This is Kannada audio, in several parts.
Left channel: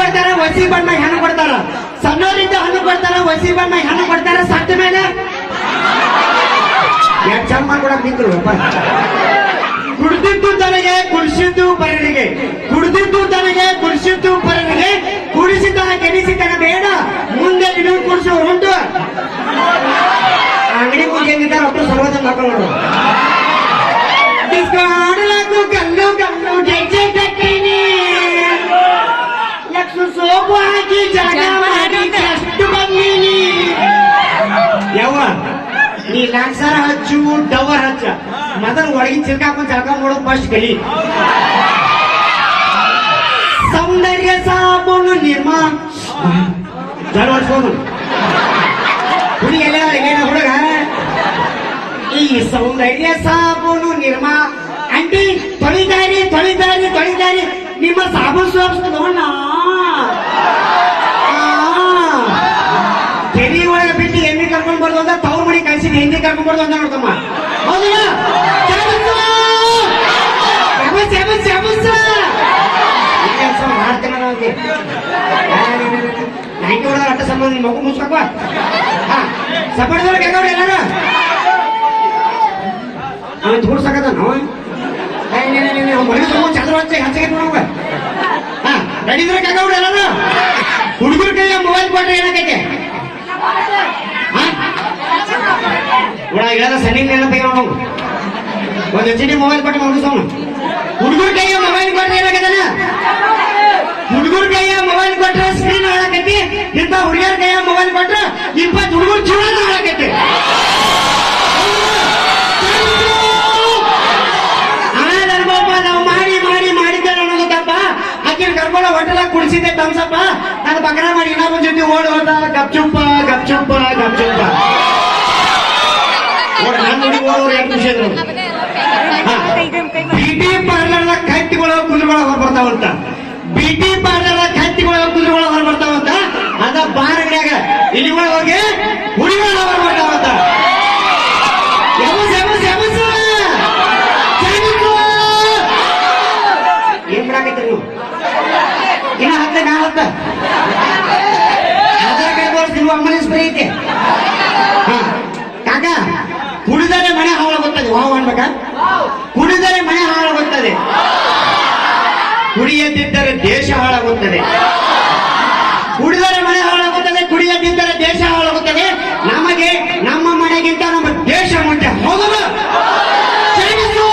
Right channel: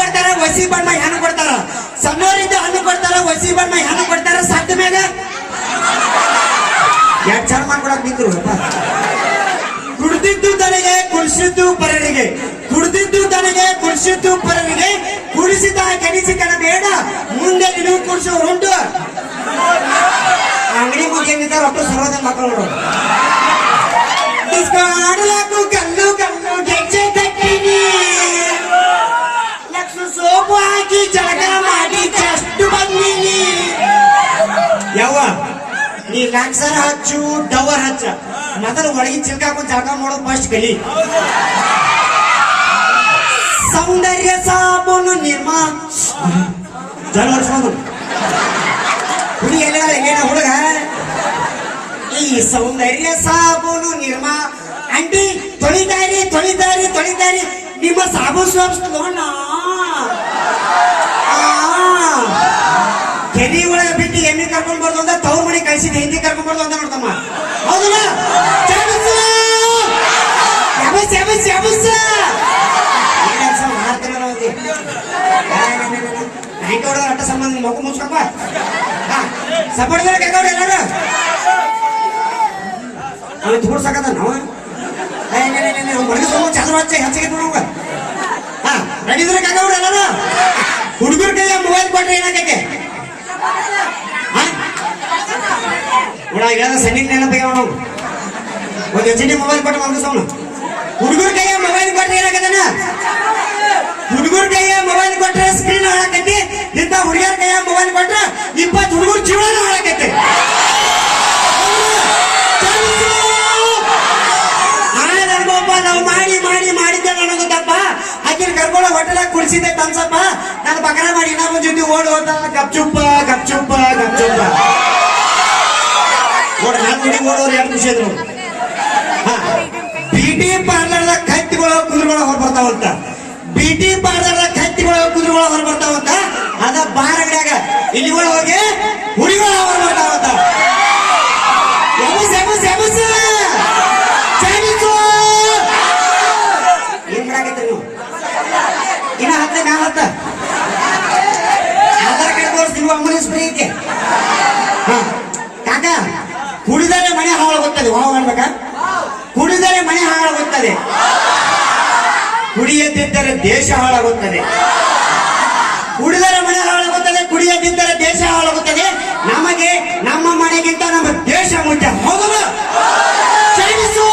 ಕೊಡ್ತಾರ, ವಸಿ ಬಣ್ಣ ಹೆಣ್ಣು ಕೊಡ್ತಾರ. ಸಣ್ಣವರಿಂದ ಹಣ್ಣು ಕೊಡ್ತಾರ, ವಸಿ ಬಣ್ಣ ಹೆಣ್ಣು ಕೊಡ್ತಾರ, ಸತ್ತ ಮ್ಯಾಗ ಎರಡ್ ಚಂದ ಮಾಡ್ಕೊಡಕ್ ನಿಂತರು ಕುಡ್ದಿದ್ದು ತನಗೆ, ಕುಡಿಸಿದ್ದು ಪರರಿಗೆ. ಕುಡ್ದಿದ್ದು ತನಗೆ, ಕುಡಿಸಿದ್ದು ಪರರಿಗೆ. ಕುಡಿಸಿದ ಕಣ ಬೇಡ. ಮುಂದೆ ನಿನಗೆ ಕುಡಿಸೋರು ಉಂಟು. ಅಂಗಡಿ ಮುಂದೆ ಹೆಂಗಿದ್ದಾರೆ ಒಟ್ಟು ಸರ್ವದ ಮಕ್ಕಳು ಕಲ್ಲು ಹಾಕಿ ಜಳಕ ಮಾಡಿ ಜಸ್ಟ್ ಬಂದೀನಿ. ಯಾವ ನೀ ಲಾಕ್ಸಾರ ಹಚ್ಚು ಡವರ್ ಹಚ್ಚ. ಮೊದಲು ಒಳಗಿನ ಚಿಲ್ಕ ಹಾಕೊಂಡು ಜಳಕ ಮಾಡೋ ಫಸ್ಟ್ ಗಲಿ ಸೌಂದರ್ಯ ಸಾಬೂನು ನಿರ್ಮಾ. ಜಲ ಹೊಡ್ಸ್ಕೊಂಡು ಹುಡಿ ಎಲ್ಲ ಏನ ಹುಡುಗ? ಈ ಸೌಂದರ್ಯ ಸಾಬೂನು ನಿರ್ಮಾ. ಅಂಟಿ ತೊಳಿದಾರಿ ತೊಳಿದಾರಿ ತೊಳಿದಾರಿ ನಿಮ್ಮ ಸಾಬೂನು ಸೋಪ್ಸ್ ನೋಡ ಕೆರಿ ಒಳಗೆ ಬಿಟ್ಟು ಎಮ್ಮೆ ಕರ್ಕೊಂಡ್ ಬರ್ದು ಅಂತ ತವ್ರ ಮನೆ ಕಳ್ಸಿದ್ ಹಿಂದಿ ಕರ್ಕೊಂಡ್ ಬರ್ದು ಅಂತ ನೋಡ್ತಮ್ಮ ಹೌದಲ್ಲ ಚಾಬಸ್ಸು! ಚಾಬಸ್, ಚಾಬಸ್, ಚಾಬಸ್! ಏನ್ ಕೆಲ್ಸ ಮಾಡ್ತೀನ ನಾವು ಇಲ್ಲಿ? ಆ, ನ, ನ, ನ, ನ. ನೈಂಟಿ ಹೊಡೆದ್ರೆ ಅಟ್ಟ ಸಂಬಂಧ ಮಗು ಮುಚ್ಕೊಪ್ಪ ಹಾ ಸಪೋರ್ಟ್ದವ್ರು ಕೆಗವ್ರು ಎಲ್ಲಾರು ಅವನು ತೋರ್ಸಕತ್ತ ನಾವು ಮೊಳಗೆ ಸಂಬಂಧ ಚಾದ್ರ ಹಚ್ಚ ಹಚ್ಚಿಗೆ ನೋಡುವ ಹಾ ರೆಡಿದ್ರೆ ಕೆಗವ್ರು ಎಲ್ಲಾರು ಹುಡುಗರ ಕೈಯ ಮೊಬೈಲ್ ಕೊಟ್ರೆ ಏನಾಗೈತೆ ಒಳ ಇಳದ ಸಣ್ಣ ನೆನಪು ನೋಡು. ಒಂದು ಎಚ್ ಡಿ ಮೊಬೈಲ್ ಕೊಟ್ಟು ಮಲ್ಗಿಸೋಣ ಹುಡುಗರ ಕೈಯ ಮೊಬೈಲ್ ಕೊಟ್ರೆ ಏನಾಗದನ? ಹುಡುಗರ ಕೈಯ ಮೊಬೈಲ್ ಕೊಟ್ರೆ ಸ್ಕ್ರೀನ್ ಹಾಳಾಕೈತಿ ಇಂಥ ಹುಡುಗರ ಕೈಯ ಮೊಬೈಲ್ ಕೊಟ್ರೆ ಇಪ್ಪತ್ತು ಹುಡುಗರು ಜೀವನ ಹಾಳಾಕೈತಿ ನಾವು ಮಾಡಿ ಮಾಡಿ ಮಾಡಿದ್ದೆ ಅನ್ನೋದು ತಪ್ಪ ಆಕಿನ ಕರ್ಕೊಂಡು ಹೋಟೆಲ್ ಕುಡಿಸಿದ್ದೆ ತಮ್ಸಪ್ಪ ನಾನು ಬಕರ ಮಾಡಿ ಇನ್ನೊಬ್ಬನ ಜೊತೆ ಓಡಿ ಹೋದ ಗಪ್ಚುಪ್ಪ ಗಪ್ಚುಪ್ಪ ಚಂದ್ರ ನೋಡ್ರಿ ನಾನು ನೋಡಿ ಓಡೋರು ಎರಡು ಖುಷಿ ಬಿಟಿ ಪಾರ್ಲರ್ ಕತ್ತಿಗಳ ಕುದುರೆಗಳ ಹೊರ ಬರ್ತಾವಂತ. ಬಿಟಿ ಪಾರ್ಲರ್ ಕತ್ತಿಗಳ ಕುದುರೆಗಳ ಹೊರ ಬರ್ತಾವಂತ. ಅದ ಬಾರ ಅಂಗಡ್ಯಾಗ. ಇಲ್ಲಿ ಒಳಗ್ ಹೋಗಿ ಹುಡಿಗಳ ಹೊರ ಬರ್ತಾವಂತ. ಇನ್ನ ಹತ್ತೆ ನಾ ಆಧಾರ್ ಕಾರ್ಡ್ ಫ್ರೀ ಐತೆ ಹಾ ಕಾಕ ಕುಡಿದರೆ ಮನೆ ಅನ್ಬೇಕಾ ಕುಡಿದರೆ ಮನೆ ಹಾಳಾಗುತ್ತದೆ. ಕುಡಿಯದಿದ್ದರೆ ದೇಶ ಹಾಳಾಗುತ್ತದೆ. ಕುಡಿದರೆ ಮನೆ ಹಾಳಾಗುತ್ತದೆ, ಕುಡಿಯದಿದ್ದರೆ ದೇಶ ಹಾಳಾಗುತ್ತದೆ. ನಮಗೆ ನಮ್ಮ ಮನೆಗಿಂತ ನಮ್ಮ ದೇಶ ಮುಂಚೆ ಹೌದಲ್ಲ ಚಾಮಿಸು!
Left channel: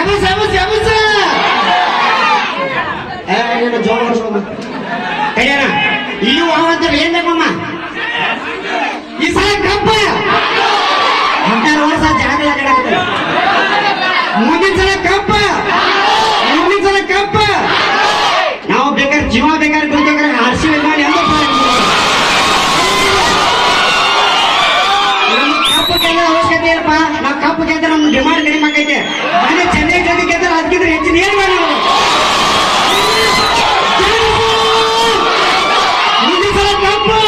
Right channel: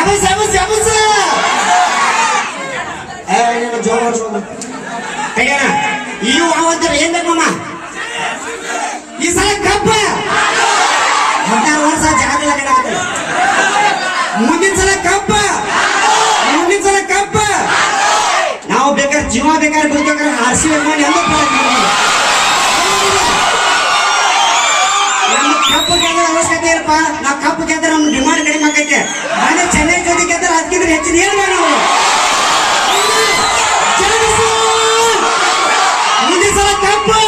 ಎಬಸ್, ಎಬಸ್, ಎಬಸ್! ಏ, ನೀನು ಜೋಳ ಹೊಡ್ಸ್ಕೊಂಡು. ಕೈಯಣ್ಣ, ಈ ವಾವಂತರು ಏನ್ ಬೇಕಮ್ಮ ಈ ಸಲ ಕಪ್ಪ ಹದಿನಾರು ವರ್ಷ ಜಾಗ ಮುಂದಿನ ಸಲ ಕಪ್ಪ ಮುಂದಿನ ಸಲ ಕಪ್ಪ ನಾವು ಬೇಕಾದ್ರೆ ಜೀವ ಬೇಕಾದ್ರೆ ಬಿಡ್ಬೇಕಾದ್ರೆ ಆರ್ಸಿ ಮಾಡಿ ಎಲ್ಲ ನಮ್ಮ ಕಪ್ಪು ಗೆಲ್ಲದ ಅವಶ್ಯಕತೆ ಇಲ್ಲಪ್ಪ ನಾವು ಕಪ್ಪು ಗೆದ್ರೆ ನಮ್ಮ ಡಿಮಾಂಡ್ ಕಡಿಮೆ ಆಗೈತೆ ಮನೆ ಚೆನ್ನೈ ಜೊತೆ ಗೆದ್ರೆ ಅದಕ್ಕಿದ್ರೆ ಹೆಚ್ಚಿನ ಏನು ಚಾನ್ಸು! ಮುಂದಿನ ಸಲ ಕಪ್ಪು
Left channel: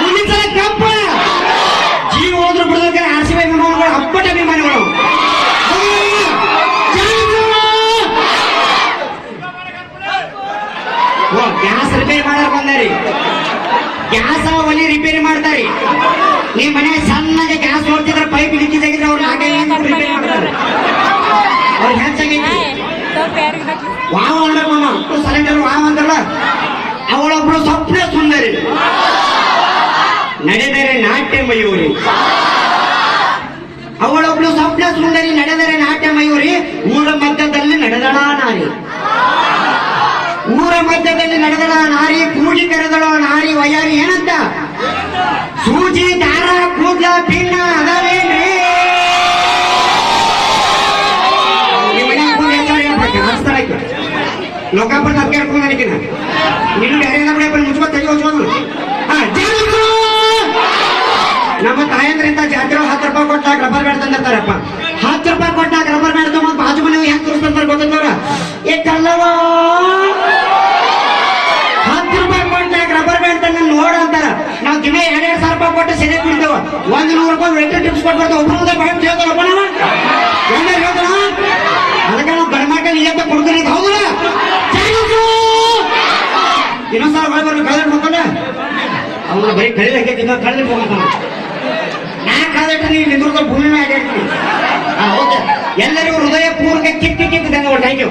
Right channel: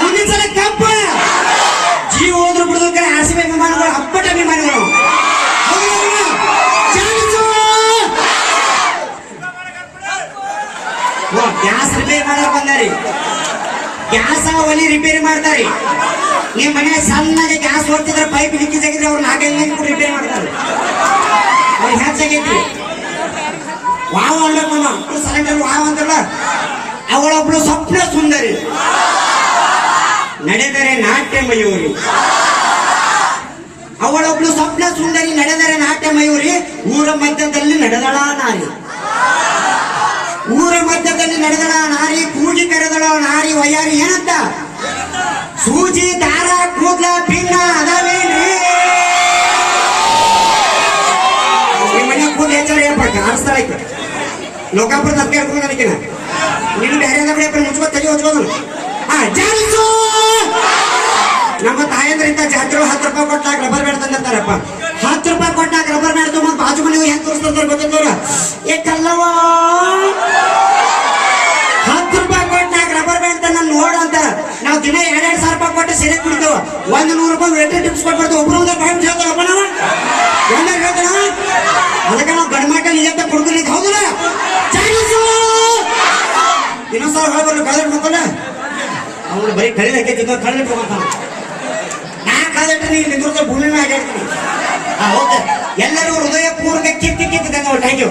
ಮುಂದಿನ ಸಲ ಕಪ್ಪು ಜೀವ ಹೋದ್ರು ಅಪ್ಪಟ ವಿಮಾನಗಳು ಹೌದಲ್ವಾ? ಚಾನ್ಸು! ಓ, ಗ್ಯಾಸ್ ರಿಪೇರಿ ಮಾಡಕ್ ಬಂದಾರಿ ಗ್ಯಾಸ್ ಒಲಿ ರಿಪೇರಿ ಮಾಡ್ತಾರಿ ನಿಮ್ ಮನೆ ಸಣ್ಣಗೆ ಗ್ಯಾಸ್ ನೋಡ್ತಿದ್ರೆ ಪೈಪ್ ಲೀಕೇಜ್ ಆಗಿದ್ರೆ ಅವ್ರು ನಾಲ್ಕೈದು ರಿಪೇರ್ ಮಾಡ್ತಾರೆ. ಅವ್ರಿಗೆ ಹೆಚ್ಚಾಗೈತಿ ವಾವ್ ಅನ್ಬೇಕಮ್ಮ ಸಿಲಿಂಡರ್ ವಾವ್ ಅಂತಲ್ಲ ಅವಳೊಬ್ಳು ಸ್ವಪ್ನ ಸುಂದರಿ. ನಡೆದರೆ ನಾಟ್ಯ ಮಯೂರಿ ಅವಳೊಬ್ಳು ಸ್ವಪ್ನ ಸುಂದರಿ, ನಡೆದರೆ ನಾಟ್ಯ ಮಯೂರಿ ಊರ ಮಧ್ಯದಲ್ಲಿ ನಡೆದಳ ನಾರಿ. ಊರ ಮಧ್ಯದಲ್ಲಿ ನಡೆದಳ ನಾರಿ ಕೂಗಿ ಕರೆದಳ ನಾರಿ, ವಯಾರಿ ಏನಂತ? ಸೂಜಿ, ದಾರ. ಲೋಕಾಪುರದ ಅದಕ್ಕೆ ಹೇಳ್ಕೊಂಡು ನನಗಿನ ನೀನು ಬೇರೆ ಬಿಡ ಮುಚ್ಕೊ ತಲೆ ಹೊಚ್ಕೊಂಡು ಹಾ ಜಾಲಿಸು ನಮ್ಮ ತಾಯಂದ್ರಿಂದ ಜಾತ್ರೆ ಹತ್ತು ರೂಪಾಯಿ ಕೊಟ್ಟಾಗ ರಬ್ಬರ್ ಬ್ಯಾಂಡ್ ತಂದಿರ್ತಾರಪ್ಪ ಹತ್ತು ರೂಪಾಯಿ ಕೊಟ್ಟಾಗ ರಬ್ಬರ್ ಬ್ಯಾಂಡ್ ತಗೊಂಡ್ ಬಾಜು ಮನೆ ಹೆಂಗ್ ತೋರಿಸ್ತಾರೆ ಗೊತ್ತಂದವ್ರ ಏ ಕಲ್ಲವ ರೂಪಾಯಿ ವೆಟ್ರಿ ಟಿಪ್ಸ್ ಕೊಟ್ಟು ಬರ್ತಾವ ಒಬ್ರು ಒಂದೇ ಬಾಯಿ ಹೇಳ್ತಾರಪ್ಪ ನಾವ ಎಲ್ಲರೂ ಹೇಳ್ತಾನ? ಅದಕ್ಕೆ ನಾವು ಗಂಡ್ಮಾಟ ನಿಜ ಕೊಡ್ತೀನಿ ಅಂತ ಹೌದಲ್ಲ ಇನ್ನೊಂದ್ಸಲ ಒಳಗೆ ಬರ್ಲಿ ಕಾಲೇಜ್ ಮಕ್ಕಳ ಅವನು ಬರೀ ಕಳೆದ ಹಾಕಿ ತಿನ್ನೋ ಕಳೆದ ಹೋಗ್ತಾನ ನಾ ಕಳೆದಿಟ್ಟು ನೀನು ನಿಂದ್ರದ ಭೂಮಿ ಮೇಲೆ ಅಡ್ಡಾಡ್ತೀನಿ ಹಾ ಓಕೆ. ಎಲ್ಲರಿಗೂ ಹೃದಯ ಪೂರ್ವಕ ಕಿತ್ತಿ ಕಿತ್ತಿದೆ ಥ್ಯಾಂಕ್ ಯು